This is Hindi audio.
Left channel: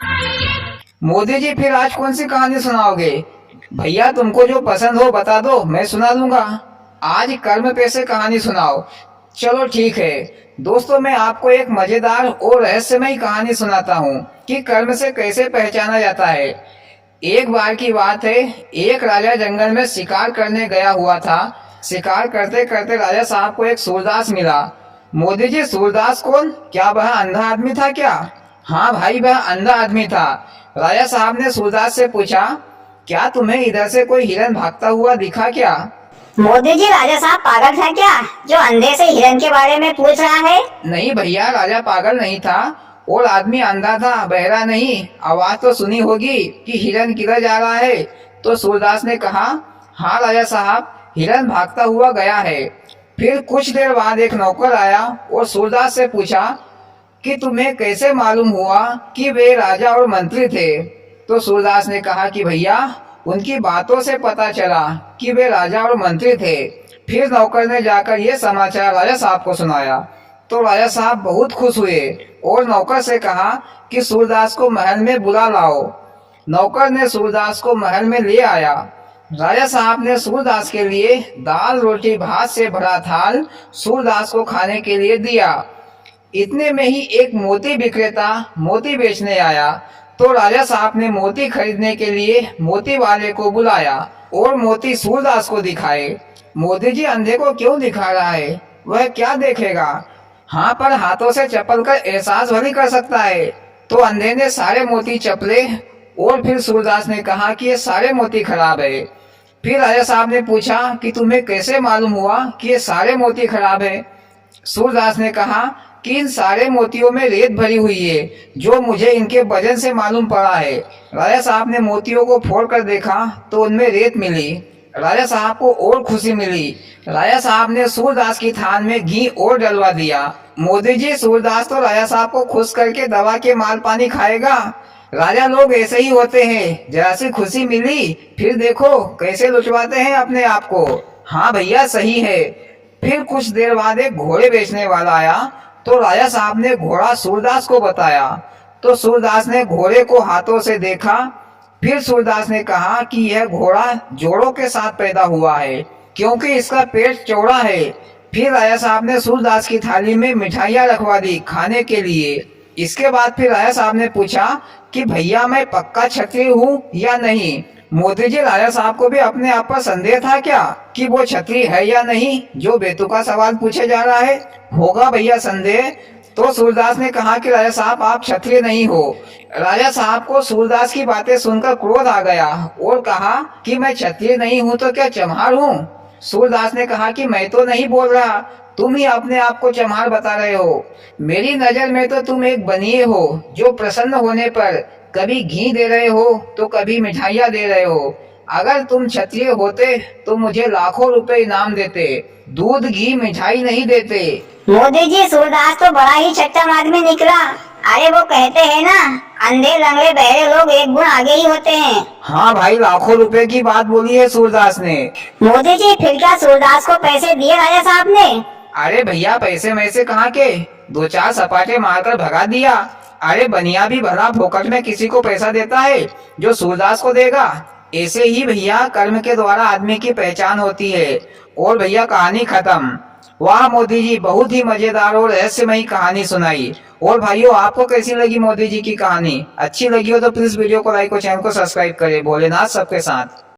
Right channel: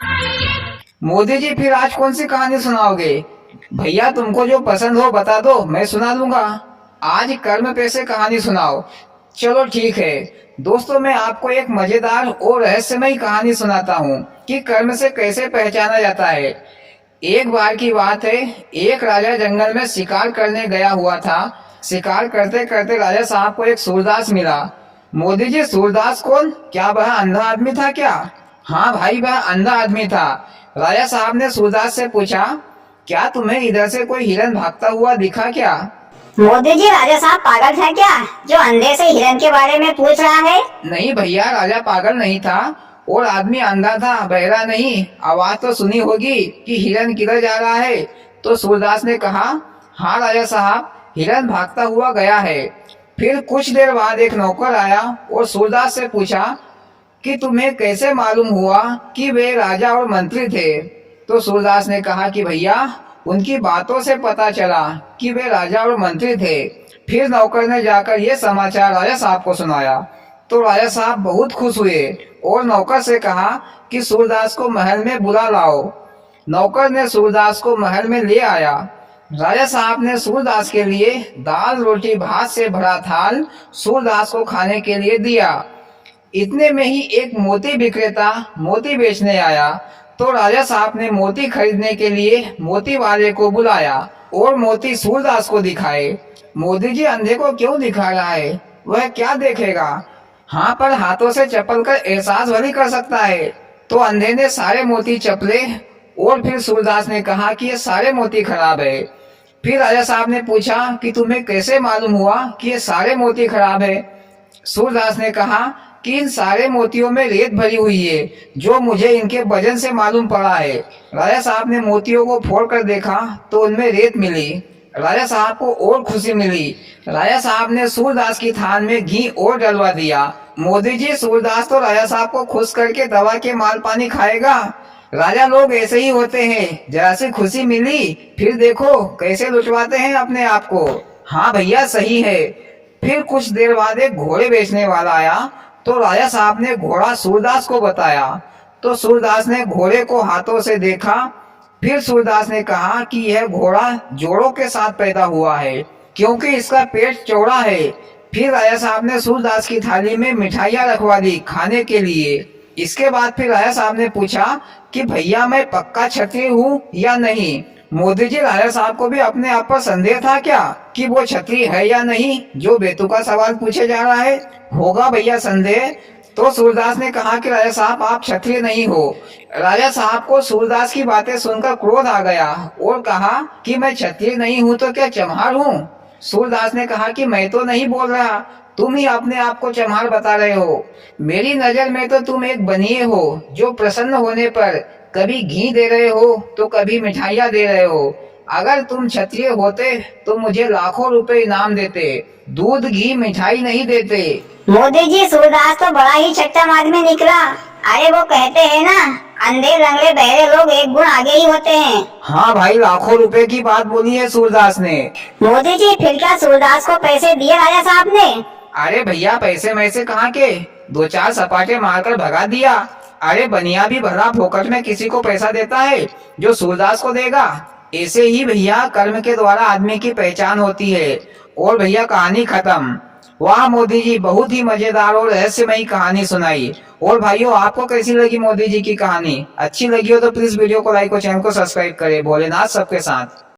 मोदी जी फिर आज कौन सी कहानी सुनाओगे? भैया तुमको जो पसंद हो बता दो, मैं सुना दूंगा। आज कर्म पे से कहानी सुनाओ। चलो ठीक है। दोस्तों मैं आपको एक मजेदार और रहस्यमयी कहानी सुनाता हूँ कि कर्म से कैसे पहचाना जाता है। एक बार की बात है, एक राजा जंगल में शिकार करने गया हुआ था। शिकार करते करते राजा साहब को एक सूरदास मिला। मोदी जी सूरदास कौन? क्या वह अंधा आदमी था क्या? हाँ भाई, वह अंधा आदमी था। राजा साहब ने सूरदास से पूछा, क्या तुम्हें इधर से कोई हिरन भागता हुआ दिखा क्या? मोदी जी, राजा साहब पागल था क्या जो अंधे से हिरन के बारे में पूछ रहा है? नहीं भैया, राजा पागल नहीं था और आदमी अंधा था, बहरा नहीं। आवाज तो सुनी होगी कि हिरन किधर जा रहा है। तो सूरदास ने कहा, हाँ राजा साहब, हिरन भागता हुआ गया है। फिर कुछ देर बाद एक नौकर आया और सूरदास से पूछा कि तुम्हें कैसे मालूम हुआ कि वे राजा और मंत्री थे? तो सूरदास ने कहा कि भैया उनकी बातों से पता चला कि वे राजा और मंत्री थे। फिर नौकर ने जाकर ये समाचार राजा साहब को सुनाया। तो राजा साहब बहुत खुश हुए और नौकर से कहा कि सूरदास को महल में बुला लाओ। नौकर ने सूरदास को महल में ले आया। राजा साहब ने सूरदास के लिए दाल रोटी भात से भरा थाल सूरदास को खाने के लिए दिया। इतने में ही एक मोती विक्रेता मोती बेचने आया। तो राजा साहब ने मोती खरीदने के लिए मोती वाले को बुलाया और मोती सूरदास को दिखाए। मोदी जी अंधे को क्यों दिखा रहा है? वह क्या देखेगा? हाँ, पर हाथों से चप्पल का एहसास भली कर सकता है। तो अंधे ने सारे मोती चपले और फिर सूरदास ने कहा कि ये सारे मोती खराब है। फिर राजा साहब ने पूछा कि तुम्हें कैसे मालूम हुआ कि ये सारे मोती खराब है? सूरदास ने कहा कि इन सारे मोतियों में रेत भरी हुई है, जो मुझे इनके वजन से मालूम पड़ा है। राजा साहब ने मोतियों को फोड़ कर देखा तो उनमें रेत मिली। राजा साहब को और खुशी मिली। राजा साहब ने सूरदास की थाल में घी और डलवा दिया। मोदी जी, सूरदास तो राजा साहब को खुश करके दवा के माल पानी खाएगा। राजा लोग ऐसे ही होते हैं, जरा सी खुशी मिली फिर देखो कैसे लुटवाते हैं अपने आप को। हाँ भैया, सही है। फिर कुछ देर बाद एक घोड़े बेचने वाला आया। तो राजा साहब ने घोड़ा सूरदास को बताया। तो सूरदास ने घोड़े को हाथों से देखा। फिर सूरदास ने कहा कि यह घोड़ा जोड़ों के साथ पैदा हुआ है, क्योंकि इसका पेट चौड़ा है। फिर राजा साहब ने सूरदास की थाली में मिठाइयाँ रखवा दी खाने के लिए। इसके बाद फिर राजा साहब ने पूछा कि भैया मैं पक्का क्षत्रिय हूँ या नहीं? मोदी जी, राजा साहब को भी अपने आप पर संदेह था क्या कि वो क्षत्रिय है या नहीं, जो बेतुका सवाल पूछे जा रहा है? होगा भैया संदेह। तो सूरदास ने कहा कि राजा साहब आप क्षत्रिय नहीं हो। राजा साहब को सूरदास की बातें सुनकर क्रोध आ गया और कहा कि मैं क्षत्रिय नहीं हूँ तो क्या चम्हार हूँ? सूरदास ने कहा कि मैं तो नहीं बोल रहा, तुम ही अपने आप को चम्हार बता रहे हो। मेरी नजर में तो तुम एक बनिए हो, जो प्रसन्न होने पर कभी घी दे रहे हो तो कभी मिठाइयाँ दे रहे हो। अगर तुम क्षत्रिय होते तो मुझे लाखों रुपए इनाम देते, दूध घी मिठाई नहीं देते। मोदी जी, सूरदास तो बड़ा ही चट्टम आदमी निकला। अरे वो कहते हैं ना, अंधे लंगड़े बहरे लोग एक गुण आगे ही होते हैं। हाँ भाई, लाखों रुपए की बात बोली है सूरदास ने। मोदी जी, फिर क्या सूरदास को पैसे दिए राजा साहब ने? अरे भैया, पैसे मैसे कहाँ के, दो चार सपाटे मारकर भगा दिया। अरे बनिया भी भला फोकट में किसी को पैसा देता है जो सूरदास को देगा? ऐसे ही भैया कर्म के द्वारा आदमी की पहचान होती है। और भैया कहानी खत्म। वाह मोदी जी, बहुत ही मजेदार और रहस्यमयी कहानी सुनाई। और भाइयों, आपको कैसी लगी मोदी जी की कहानी? अच्छी लगी हो तो प्लीज वीडियो को लाइक और चैनल को सब्सक्राइब करें। भोलेनाथ सबके साथ।